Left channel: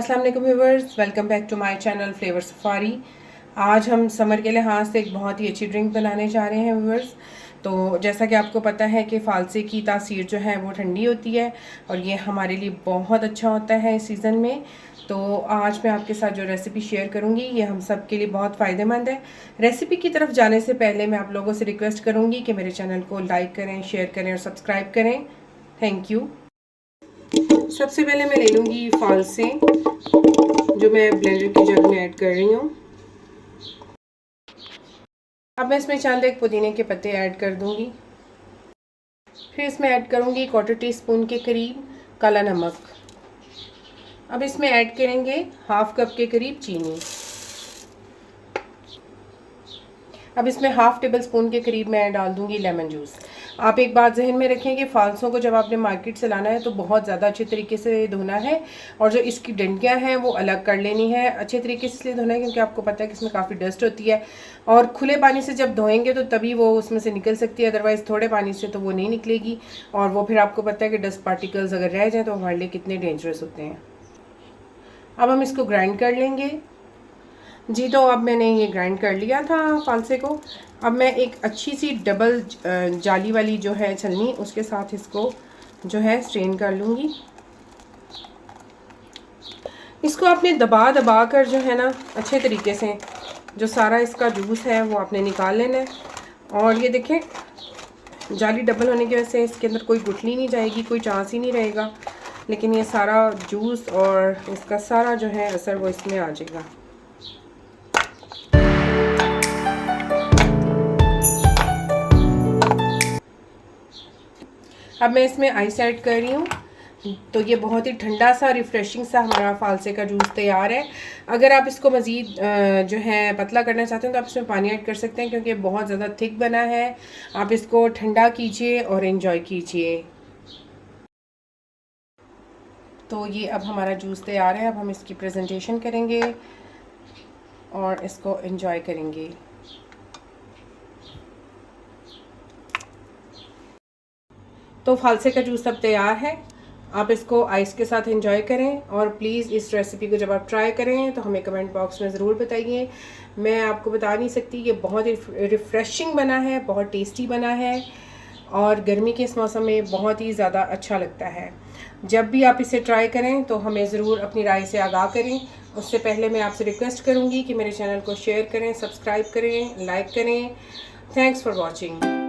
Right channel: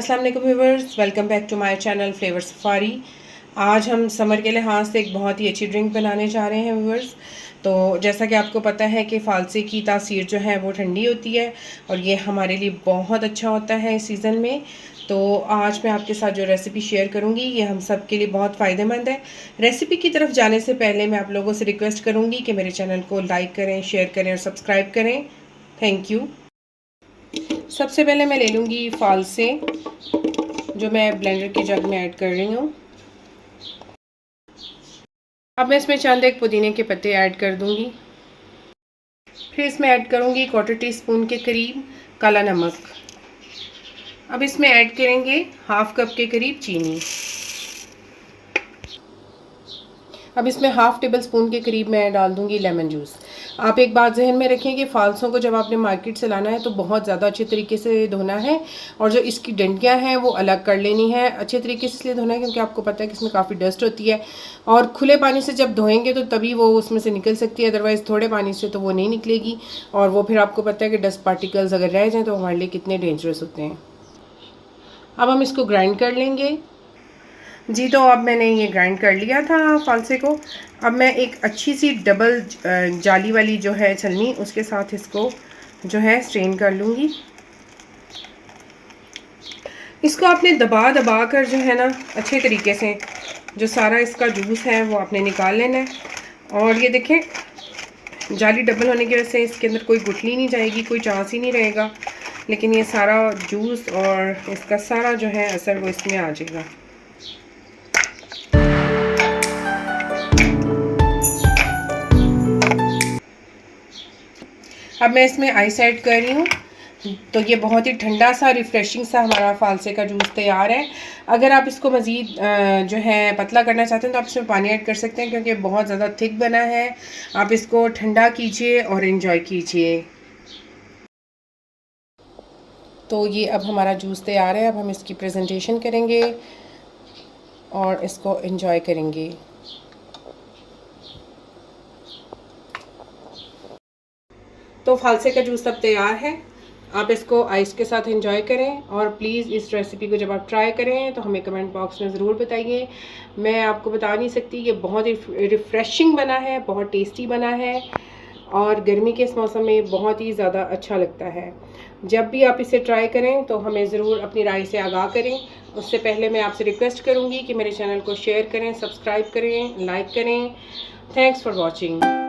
अस्सलाम वालेकुम viewers, welcome back to my channel flavour safari. आज हम समर के लिहाज से एक बहुत ही अच्छी ड्रिंक बनाने जा रहे हैं व्यूअर्स। तो जैसा कि आपको पता है कि फ़ालसे की तासीर जो है वो ठंडी होती है और ये हमारे लिए बहुत अच्छा होता है इस सीज़न में। तो आज मैं आपके साथ जो रेसिपी शेयर करूंगी ये हम सब के लिए बहुत फ़ायदेमंद है। रेसिपी की तरफ जाने से पहले मैं आप लोगों से रिक्वेस्ट करूंगी कि मेरे चैनल को लाइक करें, शेयर करें और सब्सक्राइब करें। Thank you. सबसे पहले मैं ले लूँगी फ़ालसे, जो मैं ब्लेंडर की जग में ऐड कर रही हूँ। अब मैं इसमें चंद एक पुदीने के पत्ते ऐड कर दूँगी। फिर इसमें ऐड करूँगी 1/4 टीस्पून के करीब काला नमक। अब इसमें ऐड करेंगे 1/2 कप के करीब चीनी। अब इसमें 1/2 टेबल स्पून के करीब मैं डाल दूँगी लेमन जूस। आप एक बात जहन में रखें कि फ़ालसों को जब आपने मार्केट से लाना है तो बहुत ज़्यादा अच्छे तरीके से धोना है और जो इसकी डंडियाँ हैं वो अलग कर लेनी है। अच्छे तरीके से इसलिए धोना है क्योंकि आपको पता है कि इसमें काफ़ी डस्ट होती है और खुले पानी से जब धोएंगे तो तभी वो उसमें से निकल सकती है, अदरवाइज़ थोड़े पानी से तो वो नहीं निकलेगी। और वो फिर आपको पता है कि डस्ट पार्टिकल्स अगर रह जाएँ तो हमारे लिए कितने डेंजरस होते हैं। अब हम इसको ग्राइंड कर लेंगे जी। तो अब मैंने ये ग्राइंड कर लिया था फ़ालसे को। अब मैं एक अच्छी सी डबल जाली वाली जो है छलनी, उसके साथ इसको जो है स्ट्रेन कर लूँगी। इसको आपने दबा दबा कर जो है ना अच्छे तरीके से जो सारा इसका जूस है वो आपने निकाल लेना है। और ये देखें, जाली डबल होने की वजह से इसके अंदर कोई गुठली नहीं जाएगी, कोई चांस ही नहीं रहेगा, लेकिन ये सारा जूस और इसका सारा जो है असर वो इसमें आ जाएगा। अब मैं इसमें आइस ऐड कर रही हूँ। तो ये बहुत ही ठंडा सा रिफ़्रेशिंग सा हमारा फ़ालसे का जूस तैयार है। अगर आप इसको मज़ीद जो है पतला करना चाहते हैं तो आप इसमें पानी ऐड कर सकते हैं, क्योंकि बहुत ज़्यादा थिक बना है। आप इसको ठंडा कीजिए और एंजॉय कीजिए। तो ये अब हमारा जूस तैयार है। अब हम इसकी प्रेजेंटेशन करेंगे और इसको एंजॉय करेंगे। तो फ़ालसे का जूस अब तैयार है। आप इसको आइस के साथ एंजॉय करें और प्लीज़ इस रेसिपी को जब आप ट्राई करें तो हमें कमेंट बॉक्स में ज़रूर बताइए। मैं आपको बता नहीं सकती कि बहुत ही रिफ़्रेशिंग बना है, बहुत टेस्टी बना है और गर्मी के इस मौसम में बहुत ही ज़्यादा अच्छा लगता है। जब भी आप इसे ट्राई करें तो हमें ज़रूर अपनी राय से आगाह करें। उससे पहले मैं आपसे रिक्वेस्ट करूँगी कि मेरे चैनल को शेयर करें, सब्सक्राइब करें, लाइक करें। Thanks for watching.